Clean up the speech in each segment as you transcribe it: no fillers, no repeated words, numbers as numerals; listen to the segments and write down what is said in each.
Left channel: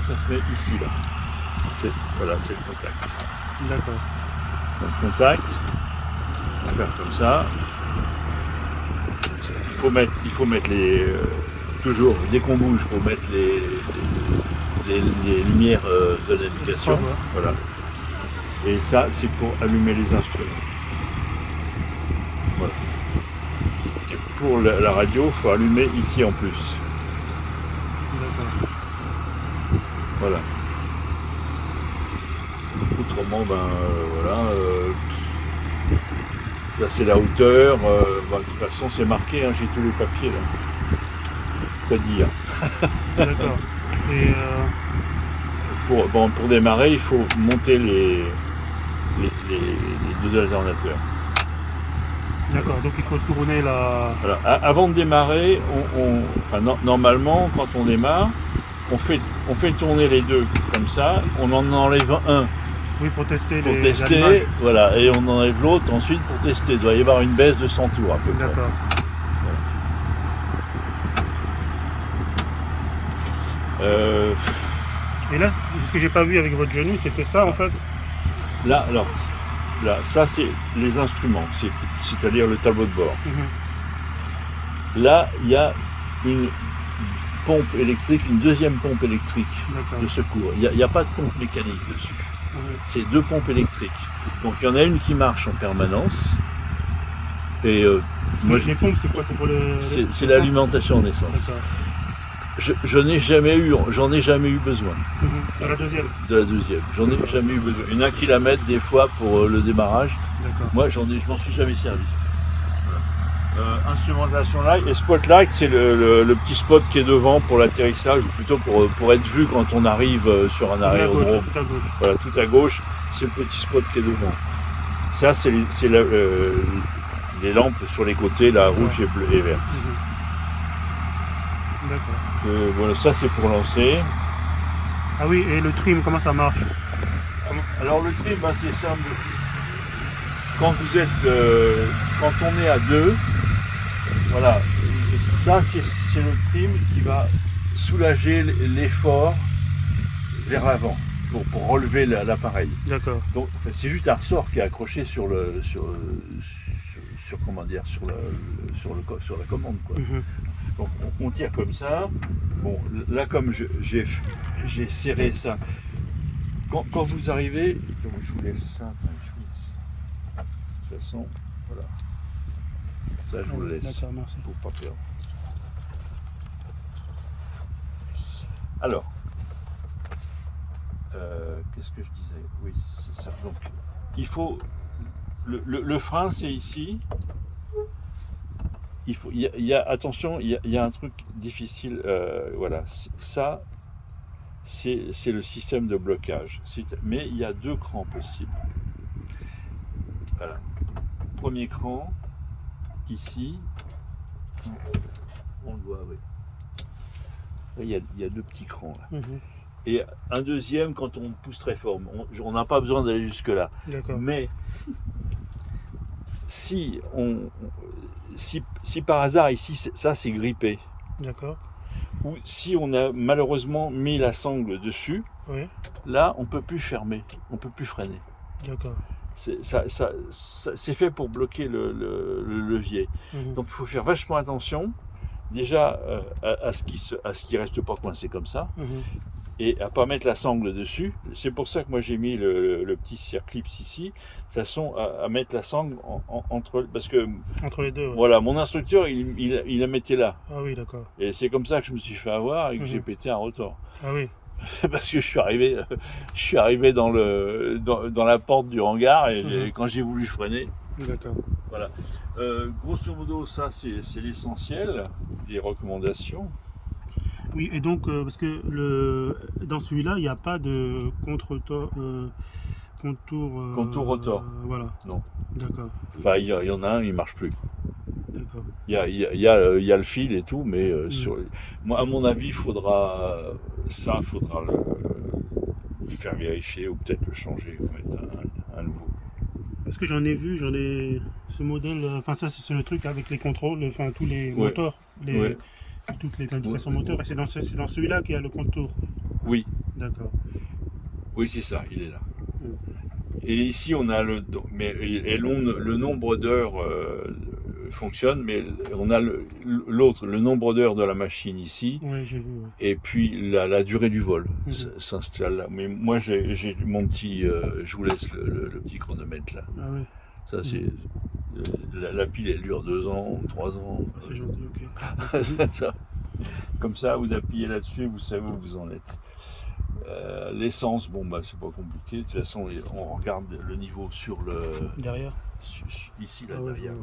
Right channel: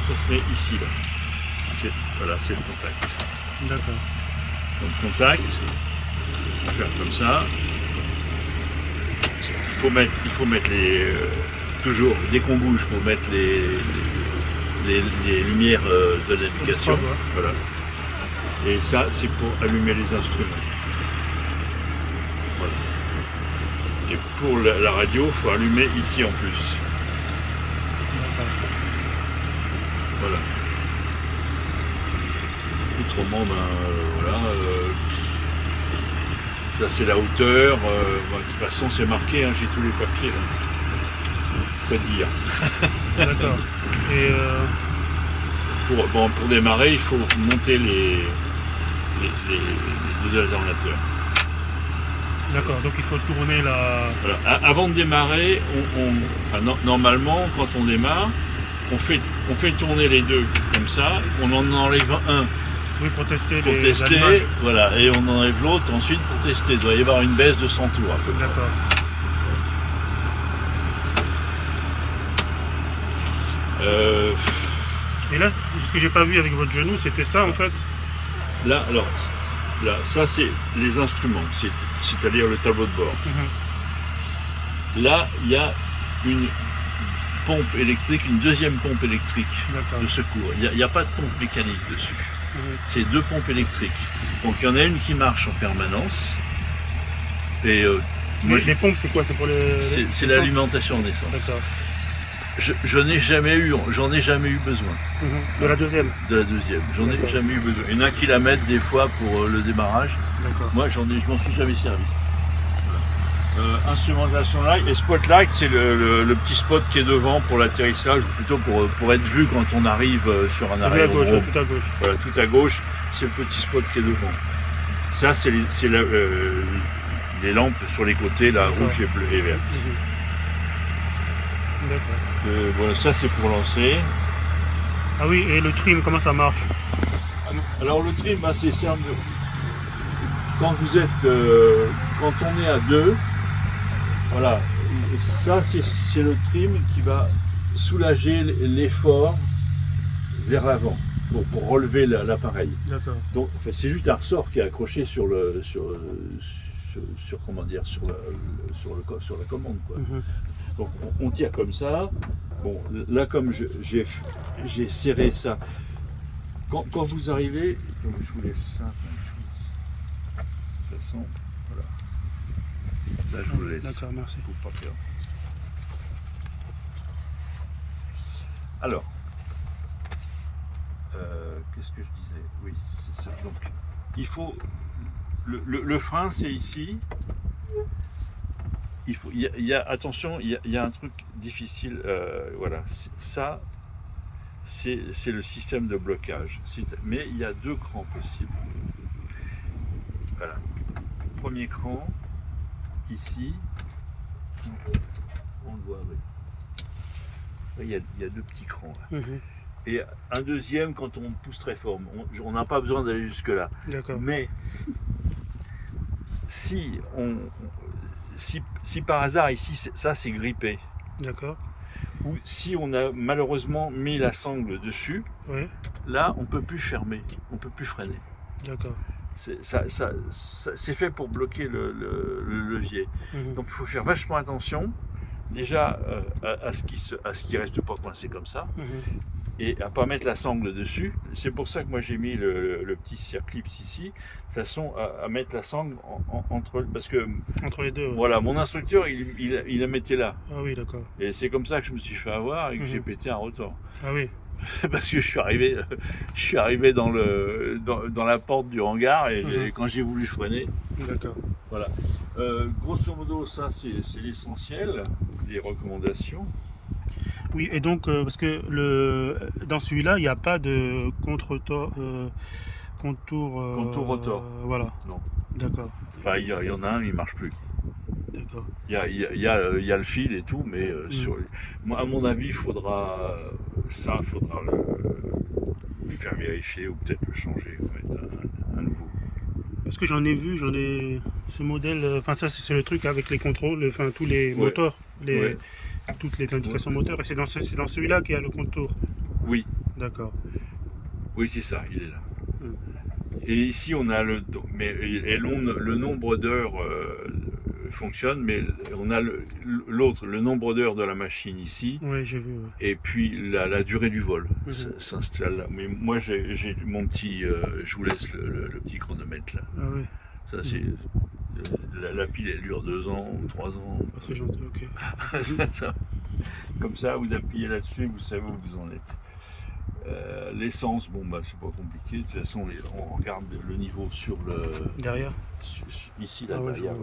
ça se met ici, là. Voilà, c'est le contact. D'accord. Donc contact, on va faire comme ça. Il faut mettre les... toujours, dès qu'on bouge, il faut mettre les lumières de navigation. Ouais. Voilà. Et ça, c'est pour allumer les instruments. Voilà. Et pour la radio, il faut allumer ici en plus. D'accord. Voilà. Autrement, voilà. Ça, c'est la hauteur. De toute façon, c'est marqué, hein, j'ai tous les papiers là. Quoi dire. D'accord. Et pour démarrer, il faut monter les deux alternateurs. d'accord, donc il faut tourner la... Voilà. Avant de démarrer, normalement, quand on démarre, on fait tourner les deux comme ça, on en enlève un Oui, pour tester pour les tester, allumages. voilà, et on enlève l'autre ensuite pour tester. Il doit y avoir une baisse de 100 tours à peu près. D'accord. Et là, ce que j'ai pas vu avec votre genou, c'était ça en fait. Là, alors, là, ça c'est les instruments, c'est-à-dire le tableau de bord. Là, il y a une pompe électrique, une deuxième pompe électrique de secours. Il n'y a pas de pompe mécanique dessus. C'est deux pompes électriques. Donc il y en a une qui marche en permanence. Et les pompes, c'est quoi? C'est pour c'est l'alimentation en essence. D'accord. J'en ai jamais eu besoin. De la deuxième? De la deuxième. J'en ai jamais eu besoin. Il y en a qui la mettent des fois pour le démarrage. Moi, je m'en suis jamais servi. Voilà. Instrumentation light et spotlight, c'est le petit spot qui est devant pour l'atterrissage, ou plutôt pour être vu quand on arrive sur un aérodrome. À gauche, tout à gauche. Voilà, tout à gauche, c'est le petit spot qui est devant. Ça, c'est les lampes sur les côtés, là, rouge et bleu et vert. D'accord. Voilà, ça c'est pour lancer. Ah oui, et le trim, comment ça marche? Alors le trim, c'est simple. Quand on est à deux, voilà, ça c'est le trim qui va soulager l'effort vers l'avant pour relever l'appareil. D'accord. Donc c'est juste un ressort qui est accroché sur la commande, quoi. Donc on tire comme ça. Bon, là comme j'ai serré ça. Quand vous arrivez, je vous laisse ça. De toute façon, voilà. Là je vous laisse. D'accord, merci. Faut pas perdre. Alors, qu'est-ce que je disais? Oui, c'est ça. Donc, il faut le frein, c'est ici. Attention, il y a un truc difficile. Voilà, ça, c'est le système de blocage. Mais il y a deux crans possibles. Voilà. Premier cran, ici, on le voit. Il y a deux petits crans. Là. Et un deuxième quand on pousse très fort. On n'a pas besoin d'aller jusque là. Mais si par hasard ici, ça c'est grippé. D'accord. Ou si on a malheureusement mis la sangle dessus, là on peut plus fermer, on peut plus freiner. D'accord. C'est fait pour bloquer le levier. Donc il faut faire vachement attention. Déjà à ce qui reste pas coincé comme ça. Et à ne pas mettre la sangle dessus. C'est pour ça que moi j'ai mis le petit circlips ici, de façon à mettre la sangle entre les deux. Voilà, mon instructeur il la mettait là. Ah oui, d'accord. Et c'est comme ça que je me suis fait avoir et que j'ai pété un rotor. Ah oui. Parce que je suis arrivé dans la porte du hangar et quand j'ai voulu freiner. D'accord. Voilà. Grosso modo, ça c'est l'essentiel des recommandations. Oui, et donc, parce que dans celui-là, il n'y a pas de contour rotor. Voilà. Non. D'accord. Enfin, il y en a un, il ne marche plus. D'accord. Il y a le fil et tout, mais moi, à mon avis, il faudra le faire vérifier ou peut-être le changer, mettre un nouveau. Parce que j'en ai vu, ce modèle, enfin ça c'est le truc avec les contrôles, enfin tous les moteurs, toutes les indications moteurs, et c'est dans celui-là qu'il y a le contour. Oui, D'accord. Oui, c'est ça, il est là. Mm. Et ici, on a le nombre d'heures fonctionne, mais on a le nombre d'heures de la machine ici, Oui, j'ai vu. Ouais. et puis la durée du vol Mhm. s'installe là. Mais moi, j'ai mon petit, je vous laisse le petit chronomètre là. Ah oui. Ça, c'est la pile, elle dure 2 ans, 3 ans. Ah, c'est gentil, ok. Ça. Comme ça, vous appuyez là-dessus, vous savez où vous en êtes. L'essence, bon bah c'est pas compliqué. De toute façon, on regarde le niveau sur le Derrière. ici là Ah ouais, derrière.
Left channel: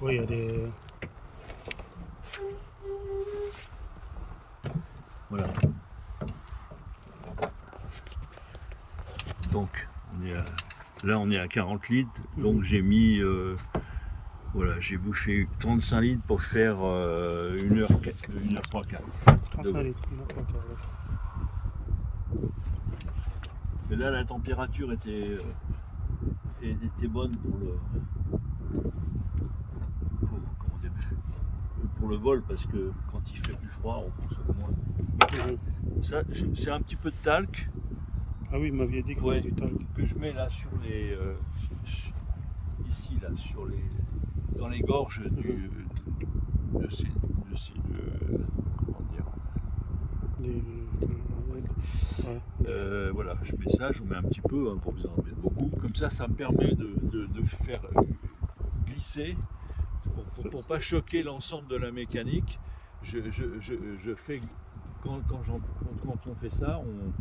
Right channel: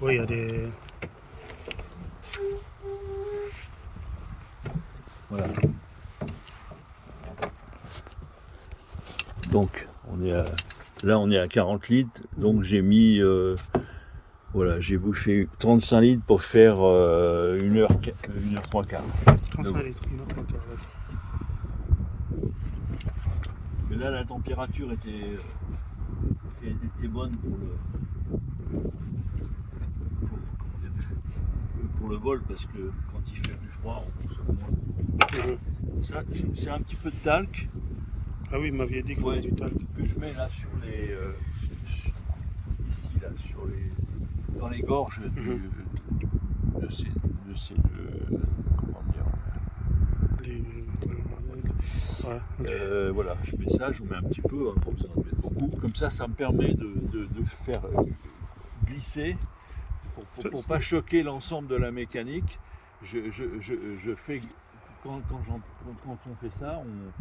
Oui, il y a des. Voilà. Donc là on est à 40 litres. Donc j'ai mis voilà, j'ai bouffé 35 litres pour faire 1 heure 3 quarts. 35 litres, 1 3 quarts, d'accord. Mais là la température était bonne pour le vol, parce que quand il fait plus froid, on consomme moins. Ça, c'est un petit peu de talc. Ah oui, vous m'aviez dit qu'il y avait du talc. Que je mets là sur les ici là dans les gorges de ces comment dire, voilà, je mets ça, j'en mets un petit peu, hein, pas besoin d'en mettre beaucoup. Comme ça me permet de faire glisser pour pas choquer l'ensemble de la mécanique. Je fais quand on fait ça, on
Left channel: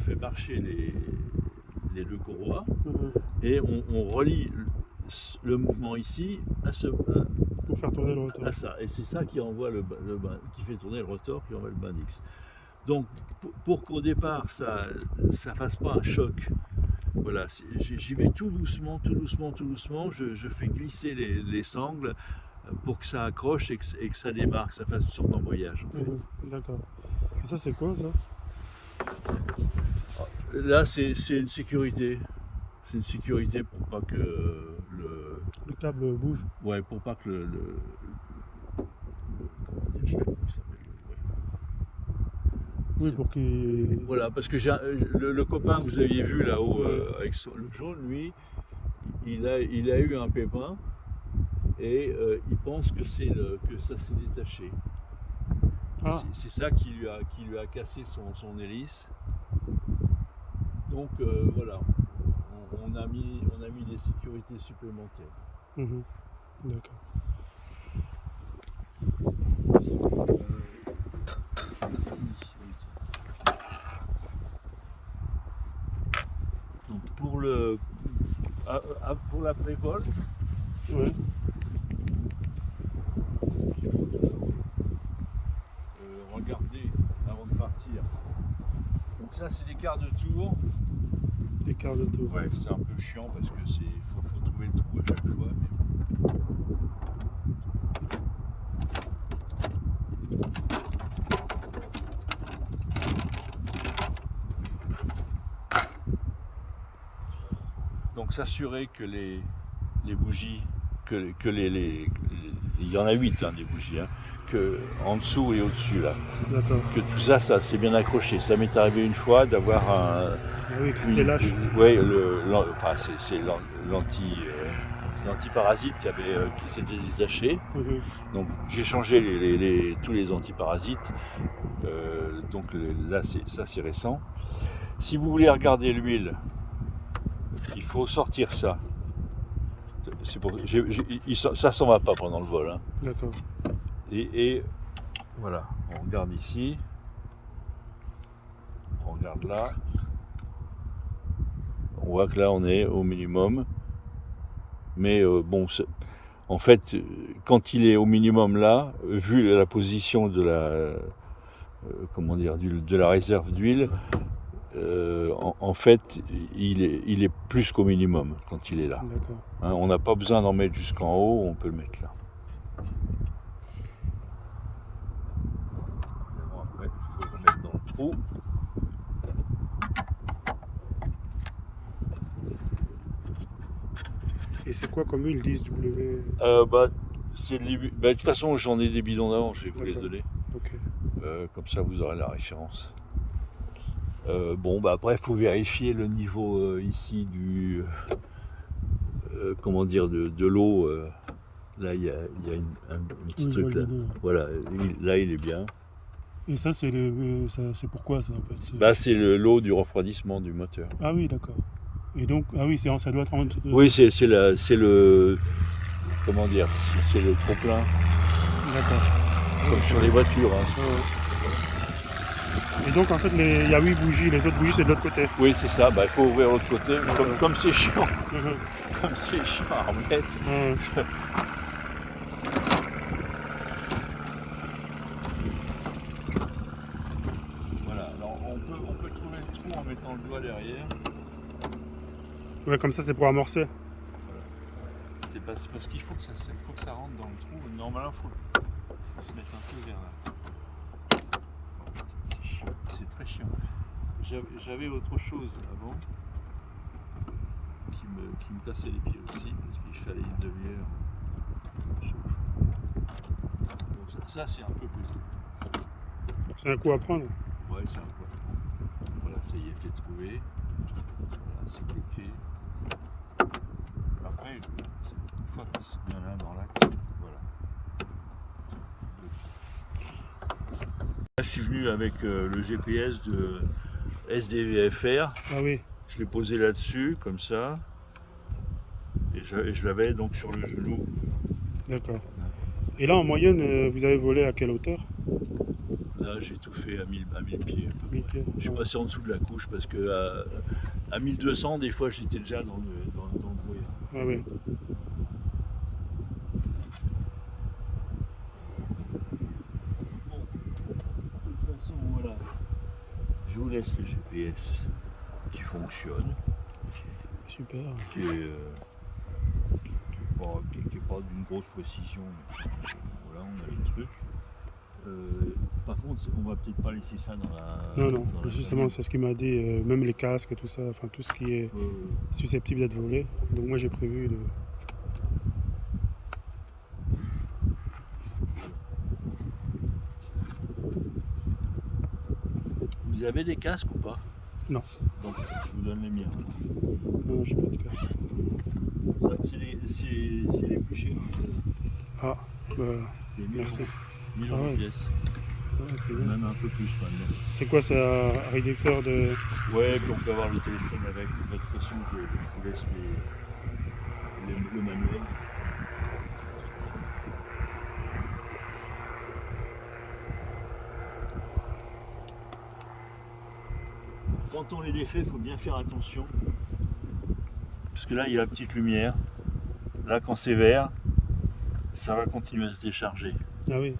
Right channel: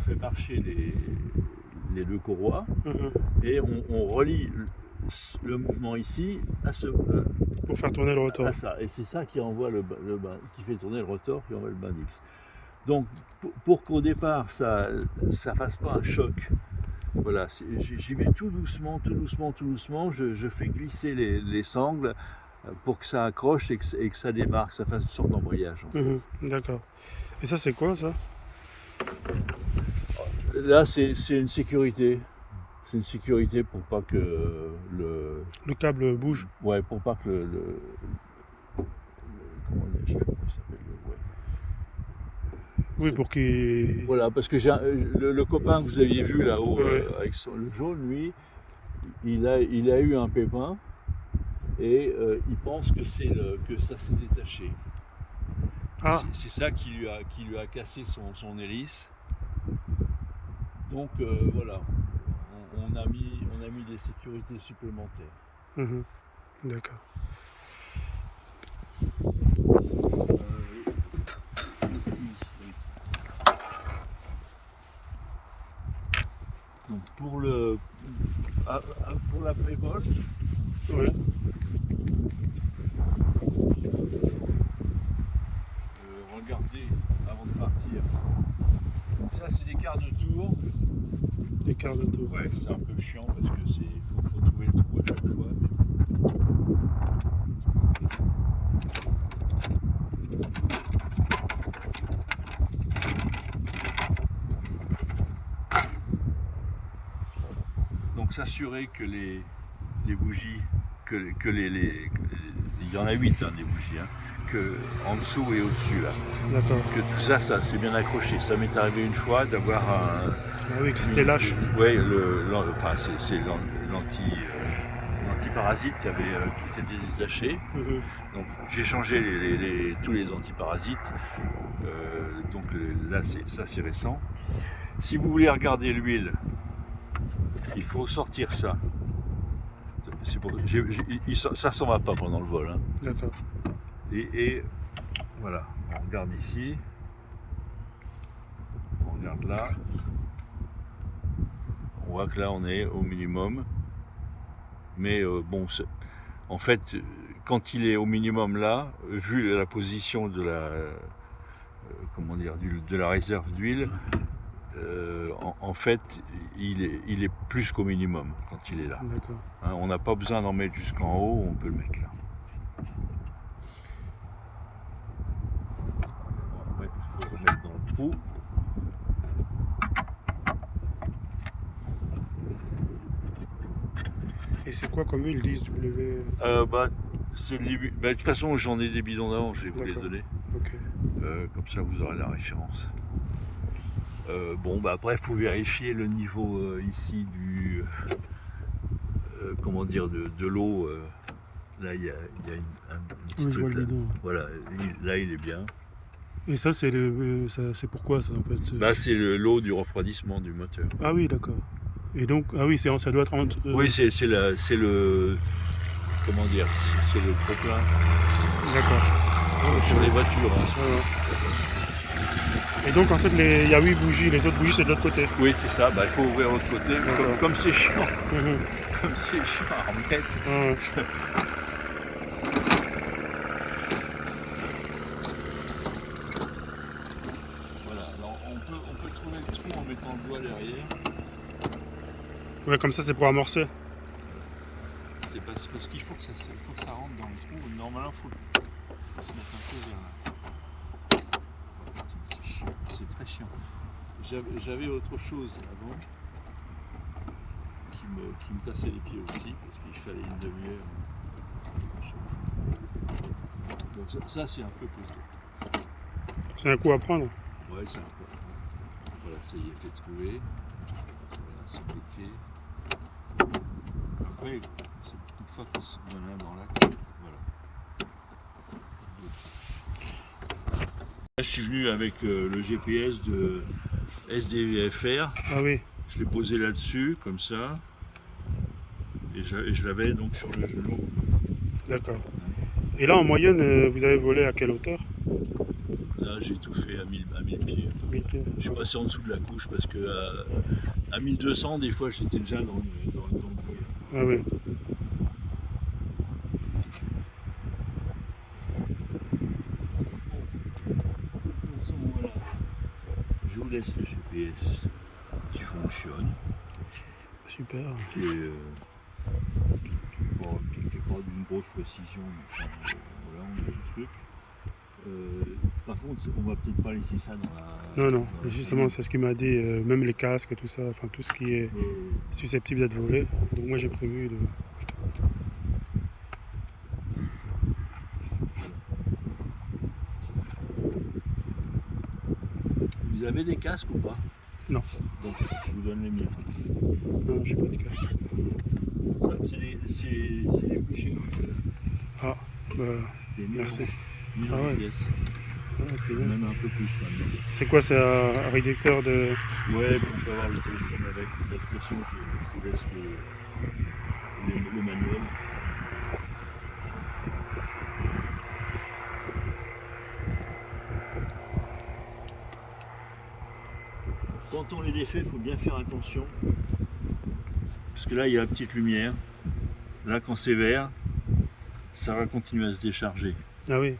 fait marcher les deux courroies et on relie le mouvement ici à pour faire tourner le rotor. À ça. Et c'est ça qui envoie qui fait tourner le rotor, qui envoie le Bendix. Donc pour qu'au départ ça fasse pas un choc, voilà, j'y vais tout doucement, je fais glisser les sangles pour que ça accroche et que ça démarre, que ça fasse une sorte d'embrayage. D'accord. Et ça c'est quoi ça? Là c'est une sécurité. C'est une sécurité pour pas que le câble bouge. Ouais, pour pas que comment dire, je sais pas comment il s'appelle. Oui, pour qu'il. Voilà, parce que le copain que vous aviez vu là-haut avec le jaune, lui, il a eu un pépin et il pense que que ça s'est détaché. Ah. C'est ça qui lui a cassé son hélice. Donc voilà, on a mis des sécurités supplémentaires. D'accord. Ici. Donc pour la pré-vol, regardez avant de partir. Donc ça c'est des quarts de tour. Des quarts de tour. Ouais, c'est un peu chiant parce que faut trouver le trou à chaque fois. Donc s'assurer que les bougies, il y en a 8 des bougies, que en dessous et au-dessus là. D'accord. Que tout ça c'est bien accroché. Ça m'est arrivé une fois d'avoir un. Ah oui, que c'était lâche. Oui, c'est l'antiparasite qui s'était détaché. Donc j'ai changé tous les antiparasites. Donc là c'est récent. Si vous voulez regarder l'huile, il faut sortir ça. Ça s'en va pas pendant le vol. D'accord. Et voilà, on regarde ici. On regarde là. On voit que là on est au minimum. Mais bon, en fait, quand il est au minimum là, vu la position de la réserve d'huile, en fait, il est plus qu'au minimum quand il est là. D'accord. On n'a pas besoin d'en mettre jusqu'en haut, on peut le mettre là. Après, il faut le remettre dans le trou. Et c'est quoi comme huile 10W? De toute façon, j'en ai des bidons d'avant, je vais vous les donner. Ok. Comme ça, vous aurez la référence. Bon, bah après, il faut vérifier le niveau ici du, comment dire, de l'eau. Là, il y a un petit Oui, je vois truc le là. bidon. Ouais. Voilà, là, il est bien. Et ça, c'est pourquoi ça en fait Là, c'est l'eau du refroidissement du moteur. Ah oui, d'accord. Et donc, ah oui, ça doit être Oui, c'est le, comment dire, c'est le trop-plein. D'accord. Comme sur les voitures. Hein. Ah ouais. Et donc, en fait, il y a 8 bougies, les autres bougies, c'est de l'autre côté. Oui, c'est ça. Bah, il faut ouvrir l'autre côté. Comme c'est chiant. Mhm. Comme c'est chiant à remettre. Ah ouais. Voilà. Alors, on peut trouver le trou en mettant le doigt derrière. Ouais, comme ça, c'est pour amorcer. Voilà. C'est parce qu'il faut que ça rentre dans le trou. Normalement, il faut se mettre un peu vers là. Oh, putain, c'est chiant. C'est très chiant. J'avais autre chose avant qui me cassait les pieds aussi parce qu'il fallait une demi-heure. Bon, ça c'est un peu costaud. C'est un coup à prendre. Ouais, c'est un peu. Voilà, ça y est, je l'ai trouvé. Voilà, c'est bloqué. Après, une fois qu'on en a un dans l'axe, voilà. Là, je suis venu avec le GPS de SDVFR. Ah oui. Je l'ai posé là-dessus, comme ça. Et je l'avais donc sur le genou. D'accord. Et là, en moyenne, vous avez volé à quelle hauteur? Là, j'ai tout fait à 1000 pieds. 1000 pieds. Je suis passé en dessous de la couche parce que à 1200, des fois, j'étais déjà dans le brouillard. Ah oui. Bon, de toute façon, voilà. Je vous laisse le GPS qui fonctionne, Super. qui est pas d'une grosse précision, mais enfin, voilà, on a les trucs. Par contre, on va peut-être pas laisser ça dans la. Non, dans la justement, cabine. c'est ce qu'il m'a dit, même les casques et tout ça, enfin tout ce qui est susceptible d'être volé. Donc moi j'ai prévu de... Vous avez des casques ou pas? Non. Donc, je vous donne les miens. Non, j'ai pas de casque. Ça, c'est les plus chers. Ah, bah, C'est 1000 merci. euros. 1000 Ah euros ouais. pièce. Ah, punaise. Même un peu plus maintenant. C'est quoi, c'est un réducteur de... Ouais, puis on peut avoir le téléphone avec. De toute façon, je vous laisse le manuel. Quand on les défait, il faut bien faire attention. Parce que là, il y a la petite lumière. Là, quand c'est vert, ça va continuer à se décharger. Ah oui,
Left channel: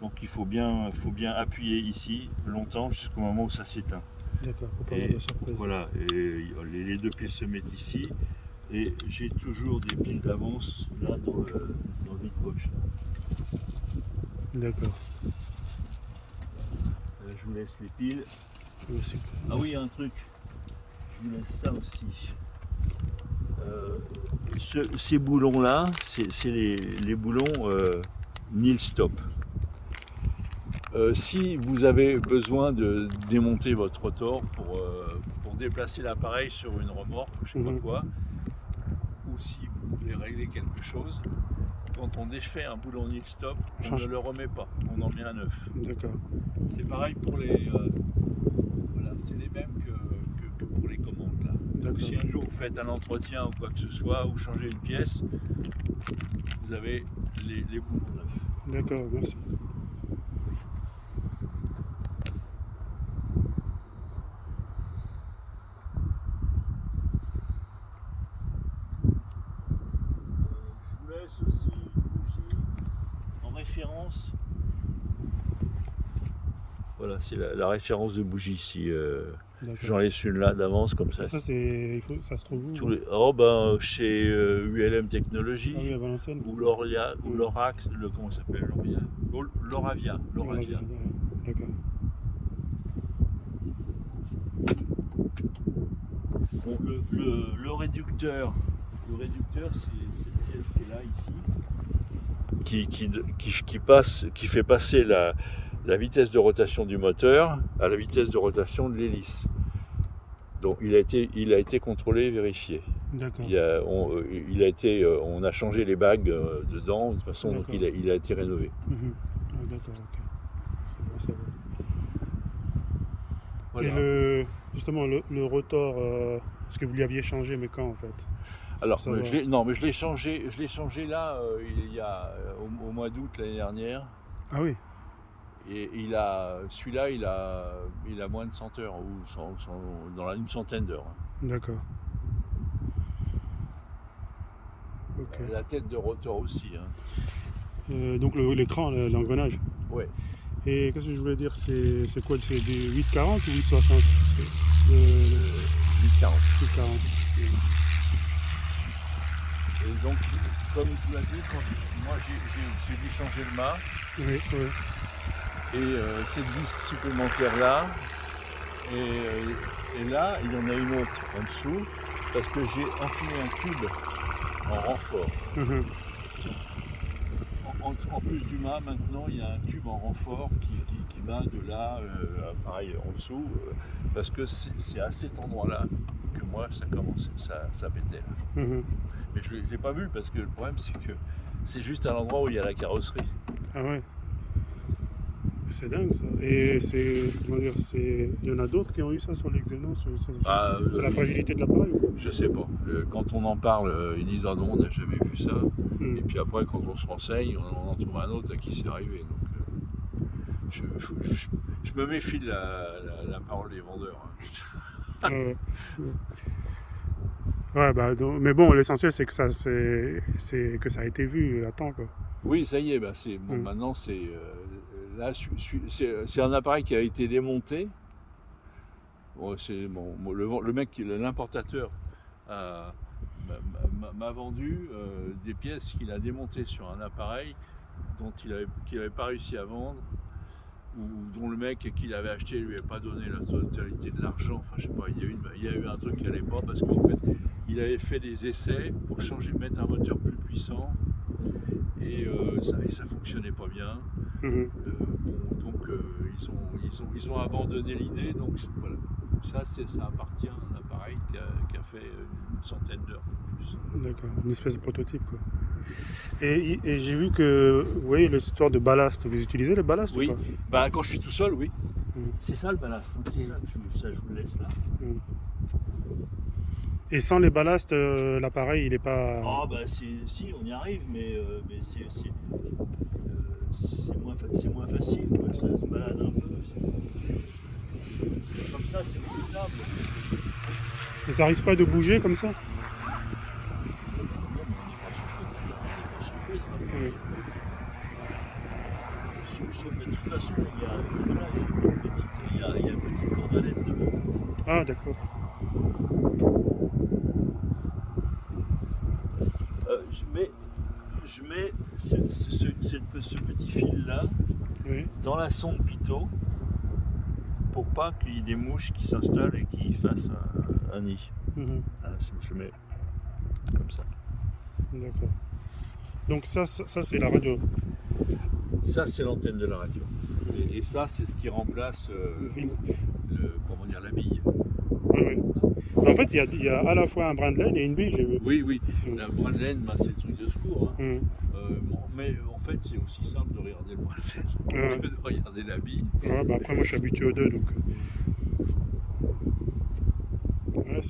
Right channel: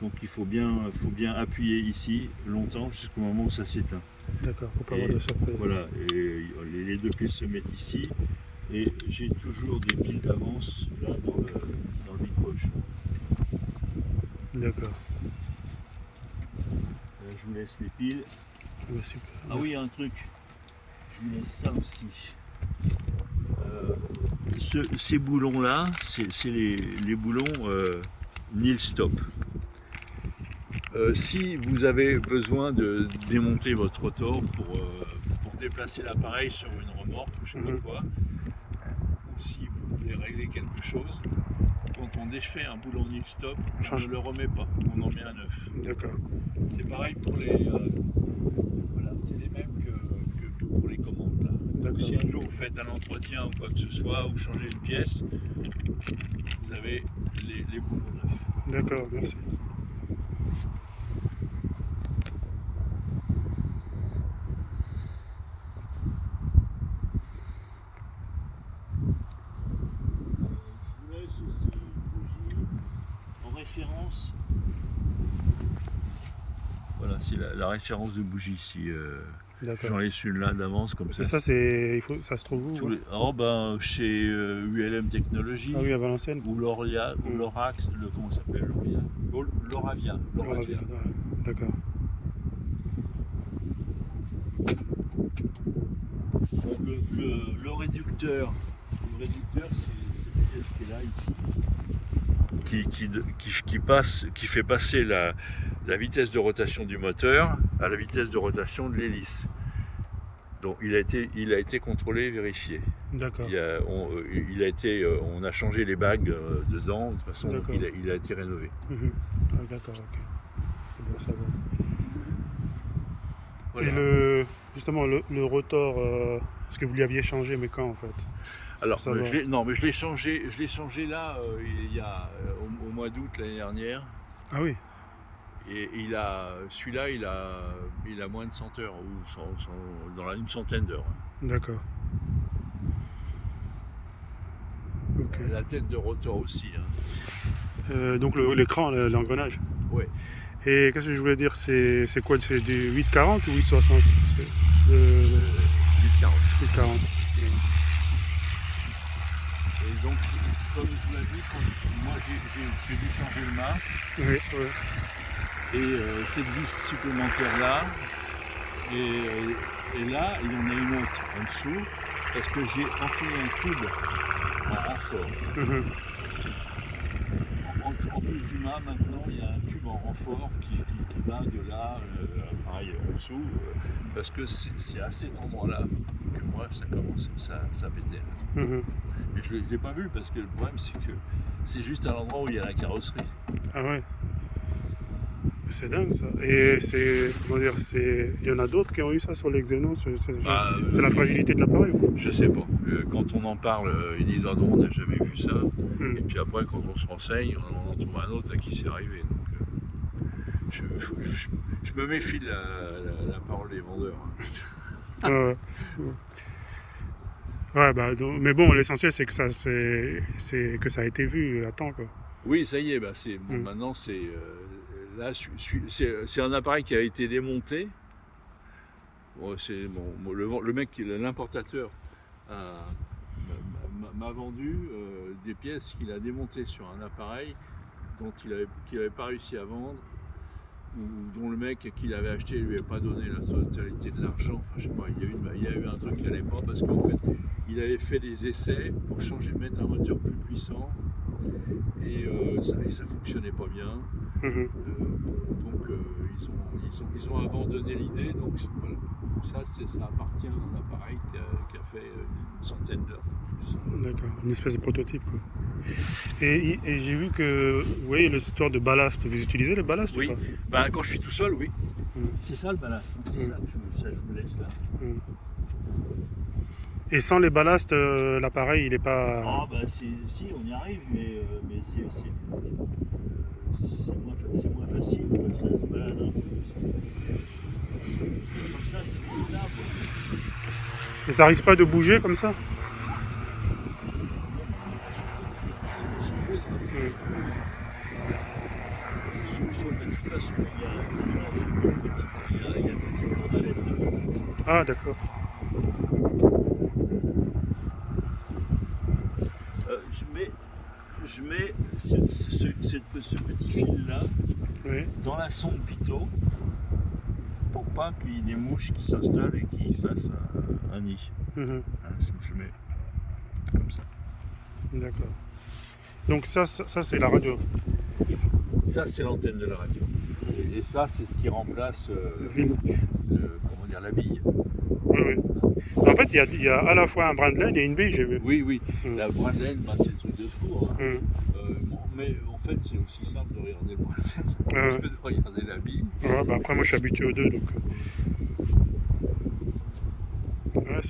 Donc il faut bien appuyer ici longtemps jusqu'au moment où ça s'éteint. d'accord, pour pas avoir de surprise. Voilà, et les deux piles se mettent ici. Et j'ai toujours des piles d'avance là dans le vide-poche. D'accord. Je vous laisse les piles. Ah, super. Ah oui, un truc. Je vous laisse ça aussi. Ces boulons-là, c'est les boulons nil stop. Si vous avez besoin de démonter votre rotor pour déplacer l'appareil sur une remorque ou je sais pas quoi, ou si vous voulez régler quelque chose, quand on défait un boulon nil stop, on ne le remet pas, on en met un neuf. D'accord. C'est pareil pour les... voilà, c'est les mêmes que pour les commandes là. D'accord. Si un jour vous faites un entretien ou quoi que ce soit, ou changez une pièce, vous avez les boulons neufs. D'accord, merci. Je vous laisse aussi une bougie en référence. Voilà, c'est la référence de bougie ici. D'accord. J'en laisse une là d'avance comme ça. Et ça, ça se trouve où? Oh ben chez ULM Technologies. Ah oui, à Valenciennes. Ou Loria, ou Lorax, comment ça s'appelle Loria? Loravia. Ouais. D'accord. Bon, le réducteur, c'est cette pièce qui est là ici, qui fait passer la vitesse de rotation du moteur à la vitesse de rotation de l'hélice. Donc il a été contrôlé, vérifié. D'accord. On a changé les bagues dedans, de toute façon il a été rénové. Ah, d'accord, ok. C'est bon à savoir. Voilà. Et justement le rotor, est-ce que vous l'aviez changé, mais quand en fait? Alors, je l'ai changé là, il y a au mois d'août l'année dernière. Ah oui. Et celui-là, il a moins de 100 heures, ou dans une centaine d'heures. D'accord. Ok. La tête de rotor aussi. Hein. Donc l'écran, l'engrenage. Oui. Et qu'est-ce que je voulais dire, c'est quoi? C'est du 840 ou 860? 840. 840. Ouais. Et donc, comme je vous l'ai dit, moi j'ai dû changer le mât. Oui, oui. Et cette vis supplémentaire là, et là il y en a une autre en dessous, parce que j'ai enfilé un tube en renfort. En plus du mât, maintenant il y a un tube en renfort qui va de là, pareil en dessous, parce que c'est à cet endroit-là que moi ça pétait. Mais je ne l'ai pas vu, parce que le problème c'est que c'est juste à l'endroit où il y a la carrosserie. Ah ouais. C'est dingue ça. Et il y en a d'autres qui ont eu ça sur les Xenon, c'est la fragilité de l'appareil ou quoi? Je sais pas. Quand on en parle, ils disent ah non, on n'a jamais vu ça. Et puis après, quand on se renseigne, on en trouve un autre à qui c'est arrivé. Donc, je me méfie de la parole des vendeurs. Hein. Ouais, bah, mais bon, l'essentiel c'est que ça a été vu à temps, quoi. Oui, ça y est, maintenant c'est là, c'est un appareil qui a été démonté. Bon, le mec, l'importateur, m'a vendu des pièces qu'il a démontées sur un appareil qu'il n'avait pas réussi à vendre, ou dont le mec qui l'avait acheté lui avait pas donné la totalité de l'argent. Enfin, je sais pas, il y a eu un truc qui allait pas, parce qu'en fait, il avait fait des essais pour mettre un moteur plus puissant. Et ça fonctionnait pas bien. Donc ils ont abandonné l'idée. Donc voilà, ça appartient à un appareil qui a fait une centaine d'heures. D'accord, une espèce de prototype, quoi. Et j'ai vu que, vous voyez, l'histoire de ballast, vous utilisez le ballast ou pas? Quand je suis tout seul, oui. C'est ça le ballast, c'est ça que je vous laisse là. Et sans les ballasts, l'appareil il est pas... Ah si, on y arrive, mais c'est moins facile, quoi. Ça se balade un peu. C'est comme ça, c'est plus stable. Et ça risque pas de bouger comme ça? Non, mais on n'est pas surpris. Sauf que de toute façon, il y a une petite cordelette devant. Ah d'accord. Je mets ce petit fil là dans la sonde pitot, pour pas qu'il y ait des mouches qui s'installent et qui fassent un nid. Je mets comme ça. D'accord. Donc ça c'est la radio. Ça c'est l'antenne de la radio. Et ça c'est ce qui remplace la bille. Oui. En fait, il y a à la fois un brin de laine et une bille, j'ai vu. Oui. La brin de laine, c'est le truc de secours. Hein. Mais en fait, c'est aussi simple de regarder le brin de laine que de regarder la bille. Après, moi, je suis habitué aux deux, donc. Ouais,